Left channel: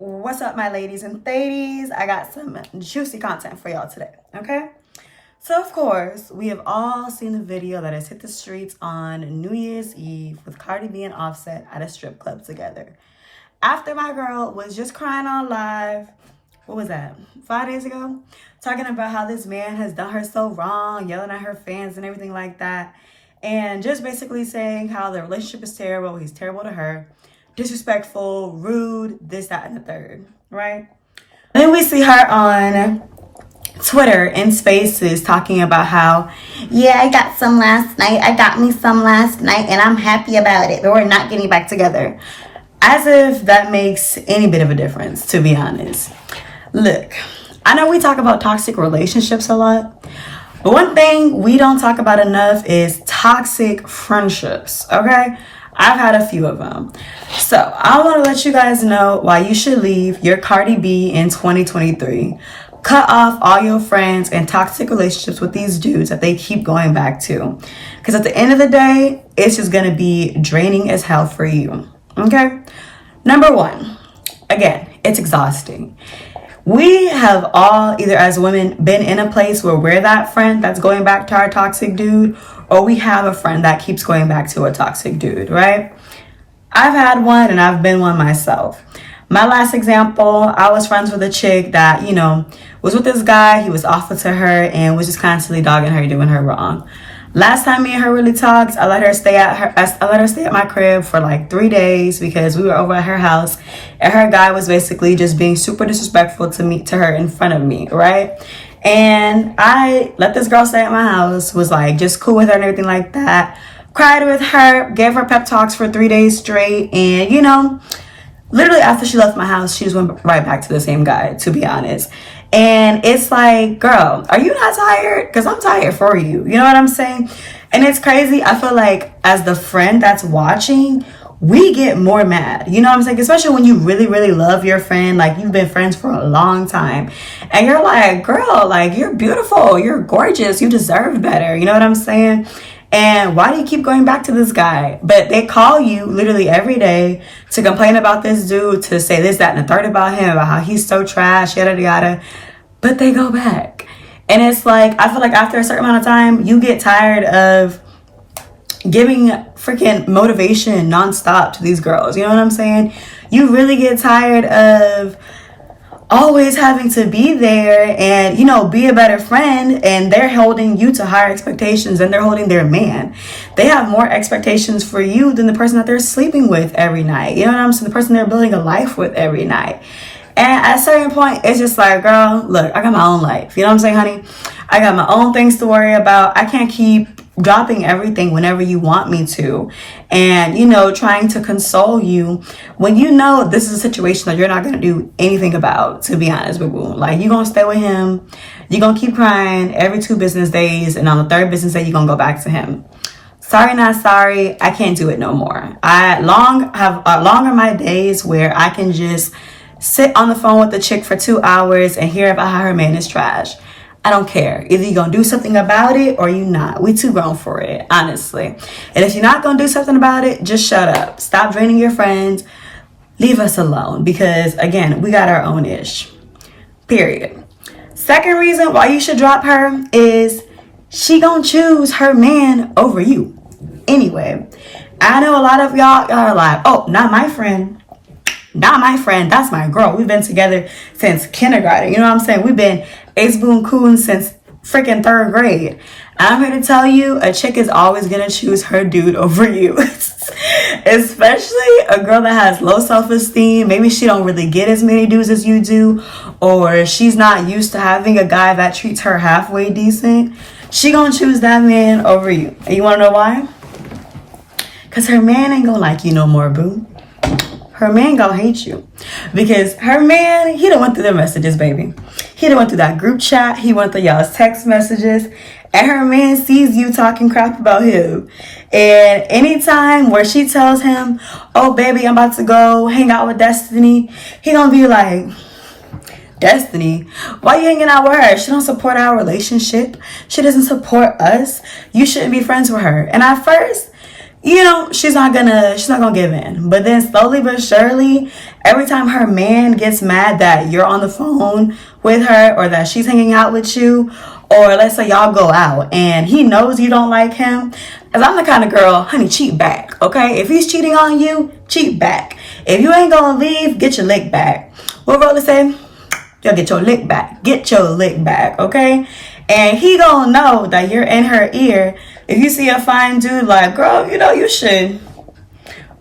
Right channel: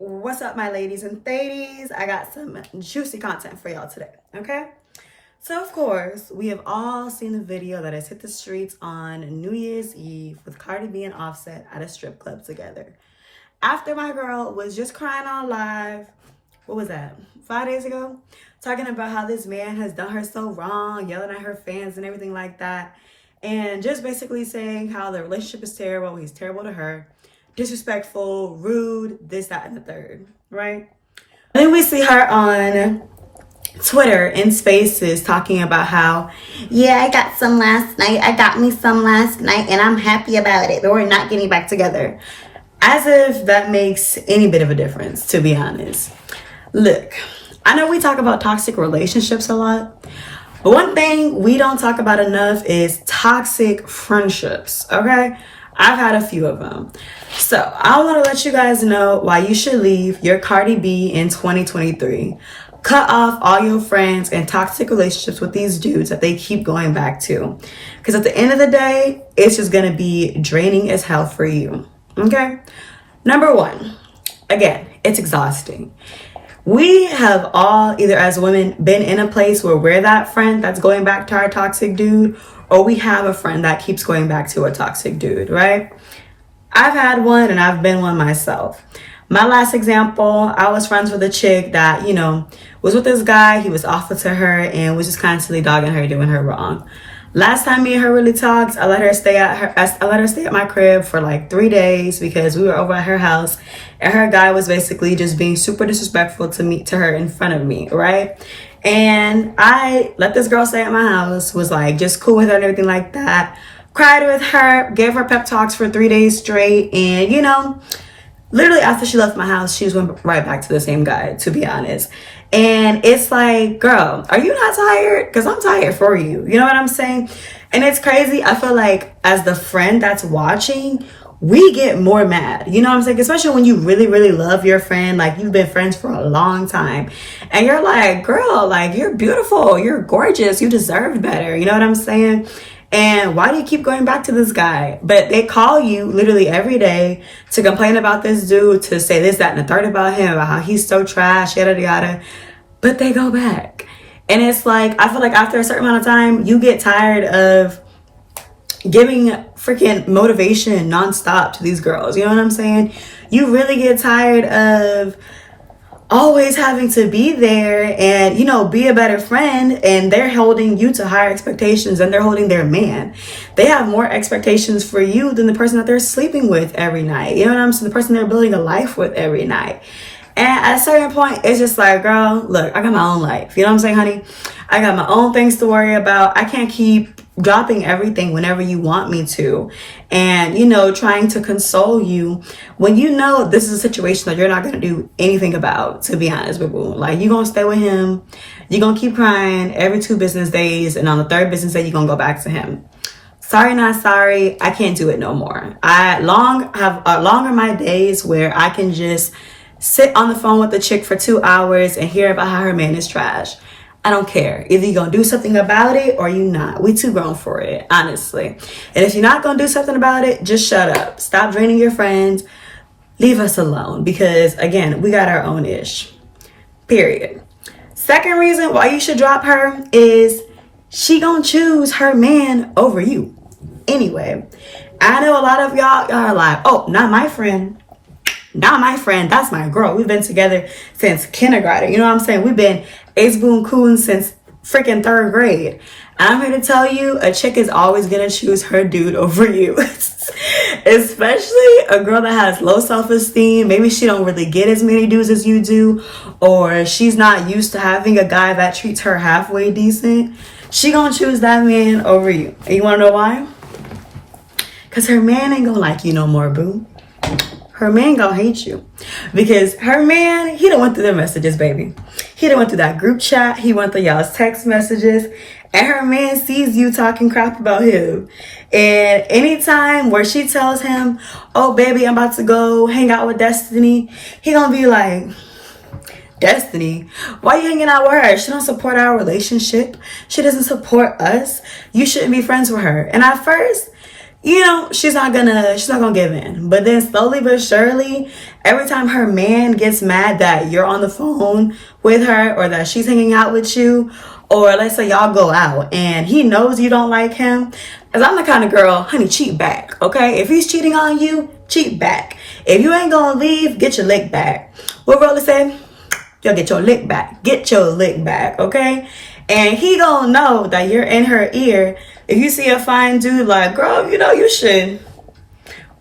What's up, my ladies and ladies? I got some juicy content for y'all today, okay? So, of course, we have all seen the video that has hit the streets on New Year's Eve with Cardi B and Offset at a strip club together. After my girl was just crying on live, what was that, 5 days ago? Talking about how this man has done her so wrong, yelling at her fans and everything like that. And just basically saying how the relationship is terrible, he's terrible to her, disrespectful, rude, this, that, and the third, right? Then we see her on Twitter in spaces talking about how, yeah, I got some last night. I got me some last night and I'm happy about it, but we're not getting back together. As if that makes any bit of a difference, to be honest. Look, I know we talk about toxic relationships a lot, but one thing we don't talk about enough is toxic friendships, okay? I've had a few of them. So I want to let you guys know why you should leave Your Cardi B in 2023. Cut off all your friends and toxic relationships with these dudes that they keep going back to. Because at the end of the day, it's just going to be draining as hell for you. Okay? Number one, again, it's exhausting. We have all, either as women, been in a place where we're that friend that's going back to our toxic dude, or we have a friend that keeps going back to a toxic dude, right? I've had one and I've been one myself. My last example, I was friends with a chick that, was with this guy. He was awful to her and was just constantly dogging her, doing her wrong. Last time me and her really talked, I let her stay at my crib for like 3 days because we were over at her house and her guy was basically just being super disrespectful to her in front of me, right? And I let this girl stay at my house, was like just cool with her and everything like that. Cried with her, gave her pep talks for 3 days straight, and literally after she left my house, she just went right back to the same guy, to be honest. And it's like, girl, are you not tired? Because I'm tired for you. You know what I'm saying? And it's crazy. I feel like as the friend that's watching, we get more mad. You know what I'm saying? Especially when you really, really love your friend. Like, you've been friends for a long time. And you're like, girl, like, you're beautiful. You're gorgeous. You deserve better. You know what I'm saying? And why do you keep going back to this guy? But they call you literally every day to complain about this dude, to say this, that, and the third about him, about how he's so trash, yada, yada. But they go back. And it's like, I feel like after a certain amount of time, you get tired of giving freaking motivation nonstop to these girls. You know what I'm saying? You really get tired of always having to be there and, be a better friend, and they're holding you to higher expectations and they're holding their man. They have more expectations for you than the person that they're sleeping with every night. You know what I'm saying? The person they're building a life with every night. And at a certain point, it's just like, girl, look, I got my own life. You know what I'm saying, honey? I got my own things to worry about. I can't keep dropping everything whenever you want me to, and trying to console you when this is a situation that you're not going to do anything about, to be honest, boo boo. Like, you're going to stay with him, you're going to keep crying every 2 business days, and on the 3rd business day you're going to go back to him. Sorry, not sorry. I can't do it no more. I have longer my days where I can just sit on the phone with the chick for 2 hours and hear about how her man is trash. I don't care. Either you're going to do something about it or you not. We too grown for it, honestly. And if you're not going to do something about it, just shut up. Stop draining your friends. Leave us alone. Because, again, we got our own ish. Period. Second reason why you should drop her is she going to choose her man over you. Anyway, I know a lot of y'all are like, oh, not my friend. Not my friend. That's my girl. We've been together since kindergarten. You know what I'm saying? We've been ace boon coon since freaking 3rd grade. I'm here to tell you, a chick is always going to choose her dude over you. Especially a girl that has low self-esteem. Maybe she don't really get as many dudes as you do. Or she's not used to having a guy that treats her halfway decent. She going to choose that man over you. And you want to know why? Because her man ain't going to like you no more, boo. Her man gonna hate you, because her man, he done went through the messages, baby. He done went through that group chat. He went through y'all's text messages, and her man sees you talking crap about him. And anytime where she tells him, oh, baby, I'm about to go hang out with Destiny, he gonna be like, Destiny, why you hanging out with her? She don't support our relationship. She doesn't support us. You shouldn't be friends with her. And at first, you know, she's not gonna give in. But then slowly but surely, every time her man gets mad that you're on the phone with her or that she's hanging out with you, or let's say y'all go out and he knows you don't like him, because I'm the kind of girl, honey, cheat back, okay? If he's cheating on you, cheat back. If you ain't gonna leave, get your lick back. What Roller say? You'll get your lick back. Get your lick back, okay? And he gonna know that you're in her ear. If you see a fine dude, like, girl, you know, you should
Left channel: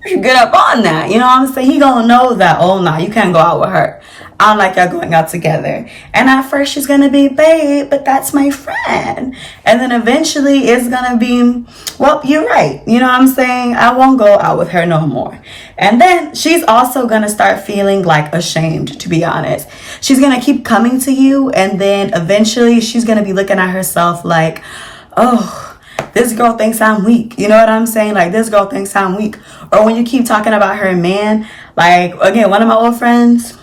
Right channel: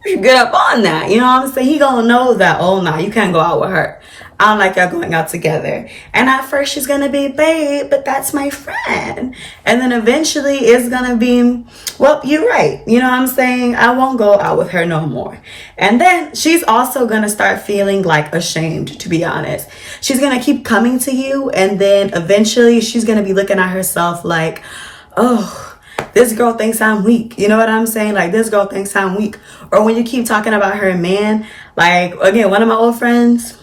get up on that. You know what I'm saying? He gonna know that, oh, nah, you can't go out with her. I don't like y'all going out together. And at first she's gonna be, babe, but that's my friend. And then eventually it's gonna be, well, you're right. You know what I'm saying? I won't go out with her no more. And then she's also gonna start feeling like ashamed, to be honest. She's gonna keep coming to you, and then eventually she's gonna be looking at herself like, oh, this girl thinks I'm weak. You know what I'm saying? Like, this girl thinks I'm weak. Or when you keep talking about her man, like, again, one of my old friends,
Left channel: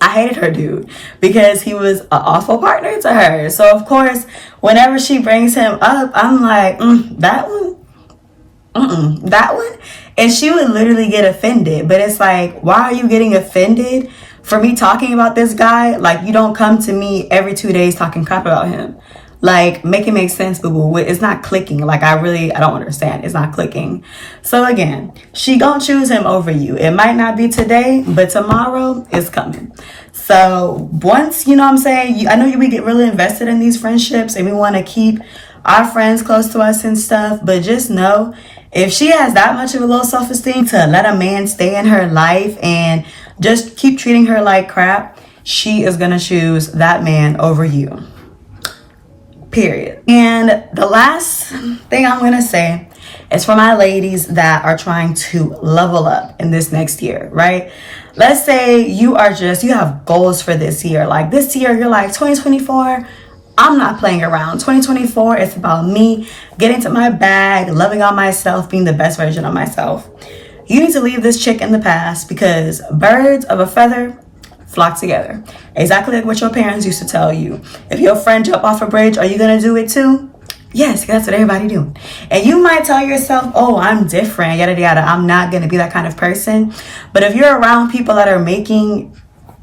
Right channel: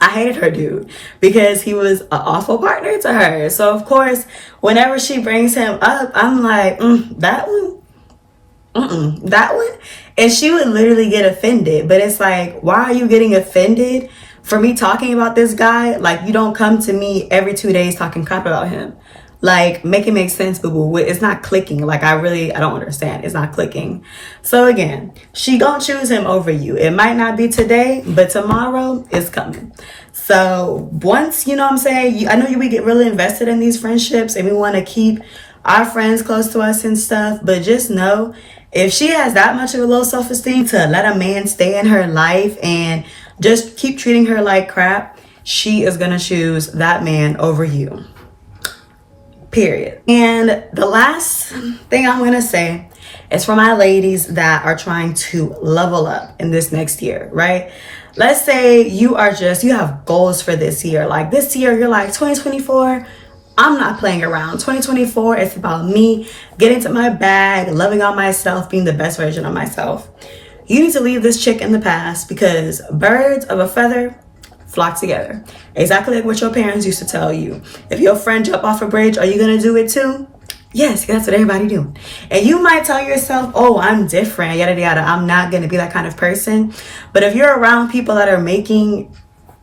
I hated her dude because he was an awful partner to her. So, of course, whenever she brings him up, I'm like, that one? That one? And she would literally get offended. But it's like, why are you getting offended for me talking about this guy? Like, you don't come to me every 2 days talking crap about him. Like, make it make sense, boo-boo. It's not clicking. Like, I don't understand. It's not clicking. So again, she gonna choose him over you. It might not be today, but tomorrow is coming. So once, you know what I'm saying, I know we get really invested in these friendships and we want to keep our friends close to us and stuff, but just know, if she has that much of a low self-esteem to let a man stay in her life and just keep treating her like crap, she is gonna choose that man over you. Period. And the last thing I'm going to say is for my ladies that are trying to level up in this next year, right? Let's say you have goals for this year. Like this year, you're like 2024, I'm not playing around. 2024, it's about me getting to my bag, loving on myself, being the best version of myself. You need to leave this chick in the past, because birds of a feather flock together. Exactly like what your parents used to tell you. If your friend jump off a bridge, are you gonna do it too? Yes, that's what everybody doing. And you might tell yourself, oh, I'm different, yada yada, I'm not gonna be that kind of person. But if you're around people that are making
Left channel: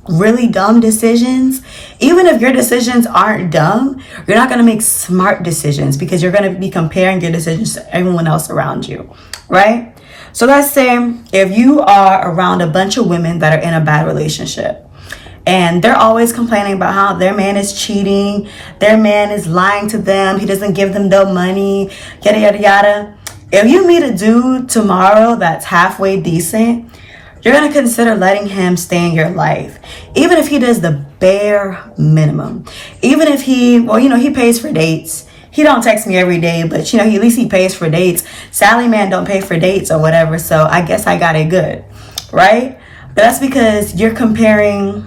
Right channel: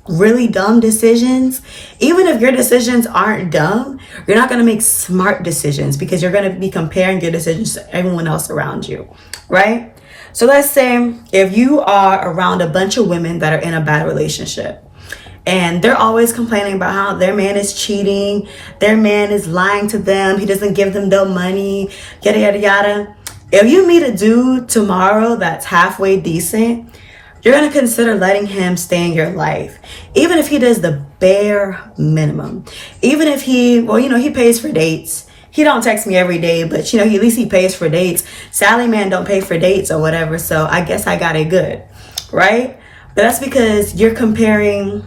really dumb decisions, even if your decisions aren't dumb, you're not gonna make smart decisions, because you're gonna be comparing your decisions to everyone else around you, right? So let's say if you are around a bunch of women that are in a bad relationship, and they're always complaining about how their man is cheating, their man is lying to them, he doesn't give them no money, yada, yada, yada. If you meet a dude tomorrow that's halfway decent, you're going to consider letting him stay in your life. Even if he does the bare minimum. Even if he pays for dates. He don't text me every day, but at least he pays for dates. Sally man don't pay for dates or whatever, so I guess I got it good, right? But that's because you're comparing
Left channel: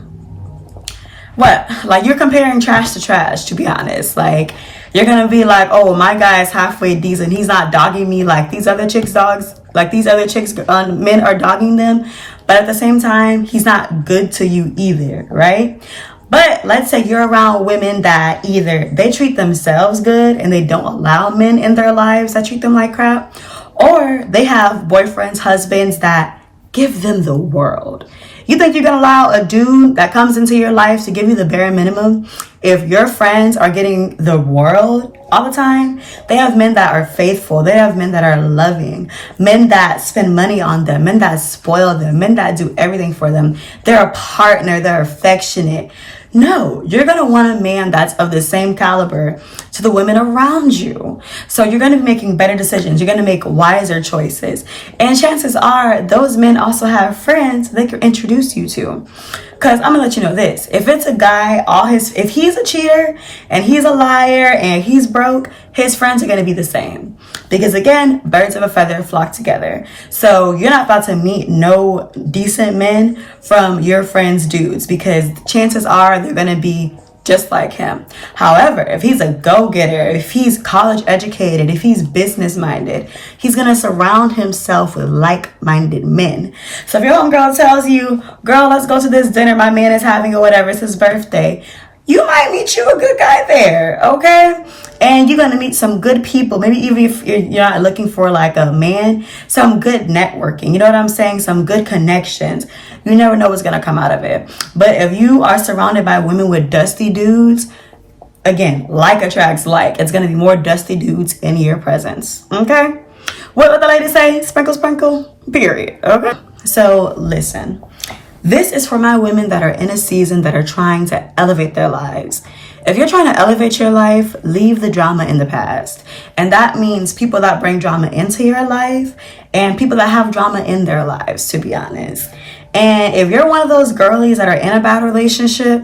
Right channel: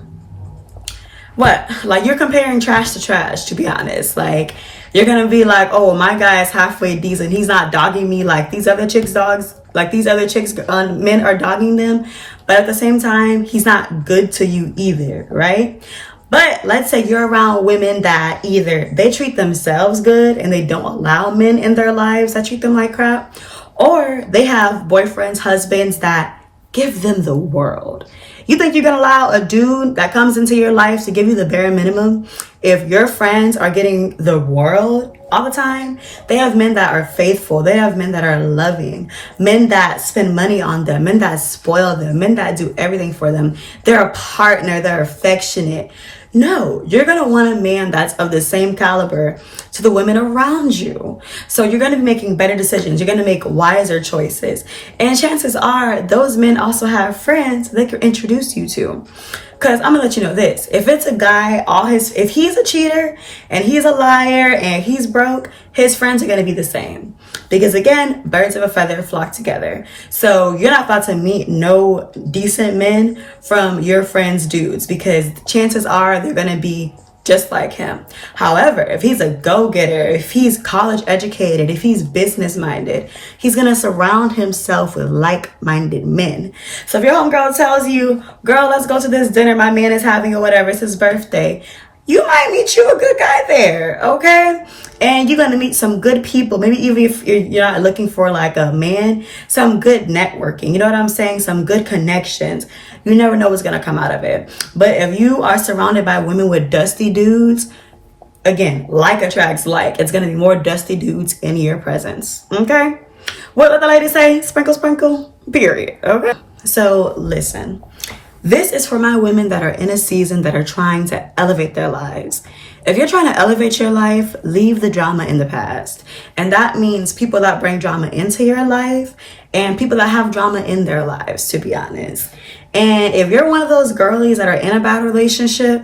you're comparing trash to trash, to be honest. Like, you're gonna be like, oh, my guy's halfway decent, he's not dogging me like these other chicks men are dogging them, but at the same time, he's not good to you either, right? But let's say you're around women that either they treat themselves good and they don't allow men in their lives that treat them like crap, or they have boyfriends, husbands that give them the world. You think you're gonna allow a dude that comes into your life to give you the bare minimum if your friends are getting the world all the time? They have men that are faithful. They have men that are loving, men that spend money on them, men that spoil them, men that do everything for them. They're a partner. They're affectionate. No, you're going to want a man that's of the same caliber to the women around you. So you're going to be making better decisions. You're going to make wiser choices. And chances are those men also have friends they can introduce you to. Because I'm going to let you know this. If it's a guy, if he's a cheater and he's a liar and he's broke, his friends are going to be the same. Because again, birds of a feather flock together. So you're not about to meet no decent men from your friends' dudes, because chances are they're going to be just like him. However, if he's a go-getter, if he's college educated, if he's business minded, he's going to surround himself with like-minded men. So if your homegirl tells you, girl, let's go to this dinner my man is having or whatever, it's his birthday, you might meet you a good guy there, okay? And you're gonna meet some good people. Maybe even if you're not looking for like a man, some good networking. You know what I'm saying? Some good connections. You never know what's gonna come out of it. But if you are surrounded by women with dusty dudes, again, like attracts like. It's gonna be more dusty dudes in your presence, okay? What the ladies say? Sprinkle, sprinkle, period, okay? So listen. This is for my women that are in a season that are trying to elevate their lives. If you're trying to elevate your life, leave the drama in the past. And that means people that bring drama into your life and people that have drama in their lives, to be honest. And if you're one of those girlies that are in a bad relationship,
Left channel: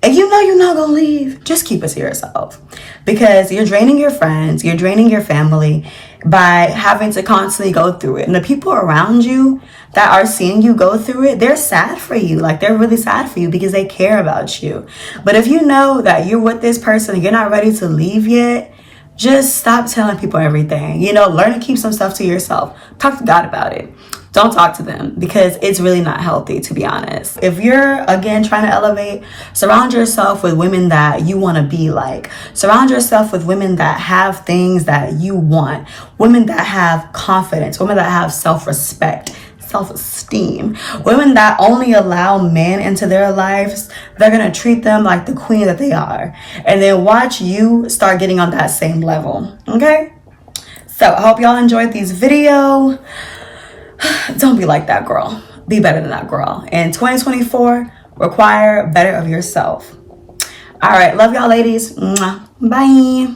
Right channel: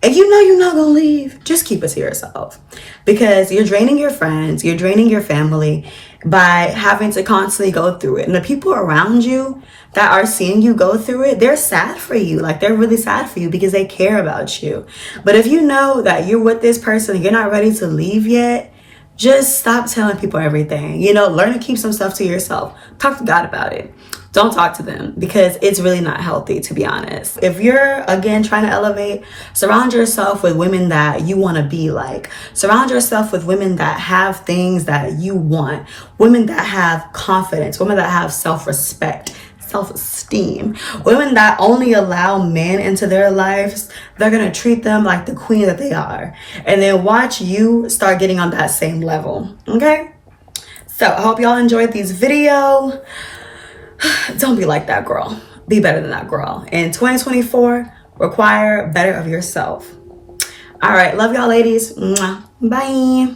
and you know you're not gonna leave, just keep it to yourself. Because you're draining your friends, you're draining your family by having to constantly go through it. And the people around you that are seeing you go through it, they're sad for you. Like, they're really sad for you because they care about you. But if you know that you're with this person and you're not ready to leave yet, just stop telling people everything. You know, learn to keep some stuff to yourself. Talk to God about it. Don't talk to them because it's really not healthy, to be honest. If you're, again, trying to elevate, surround yourself with women that you want to be like. Surround yourself with women that have things that you want. Women that have confidence. Women that have self-respect, self-esteem. Women that only allow men into their lives. They're going to treat them like the queen that they are. And then watch you start getting on that same level. Okay? So I hope y'all enjoyed this video. Don't be like that girl. Be better than that girl. In 2024, require better of yourself. All right. Love y'all, ladies. Mwah. Bye.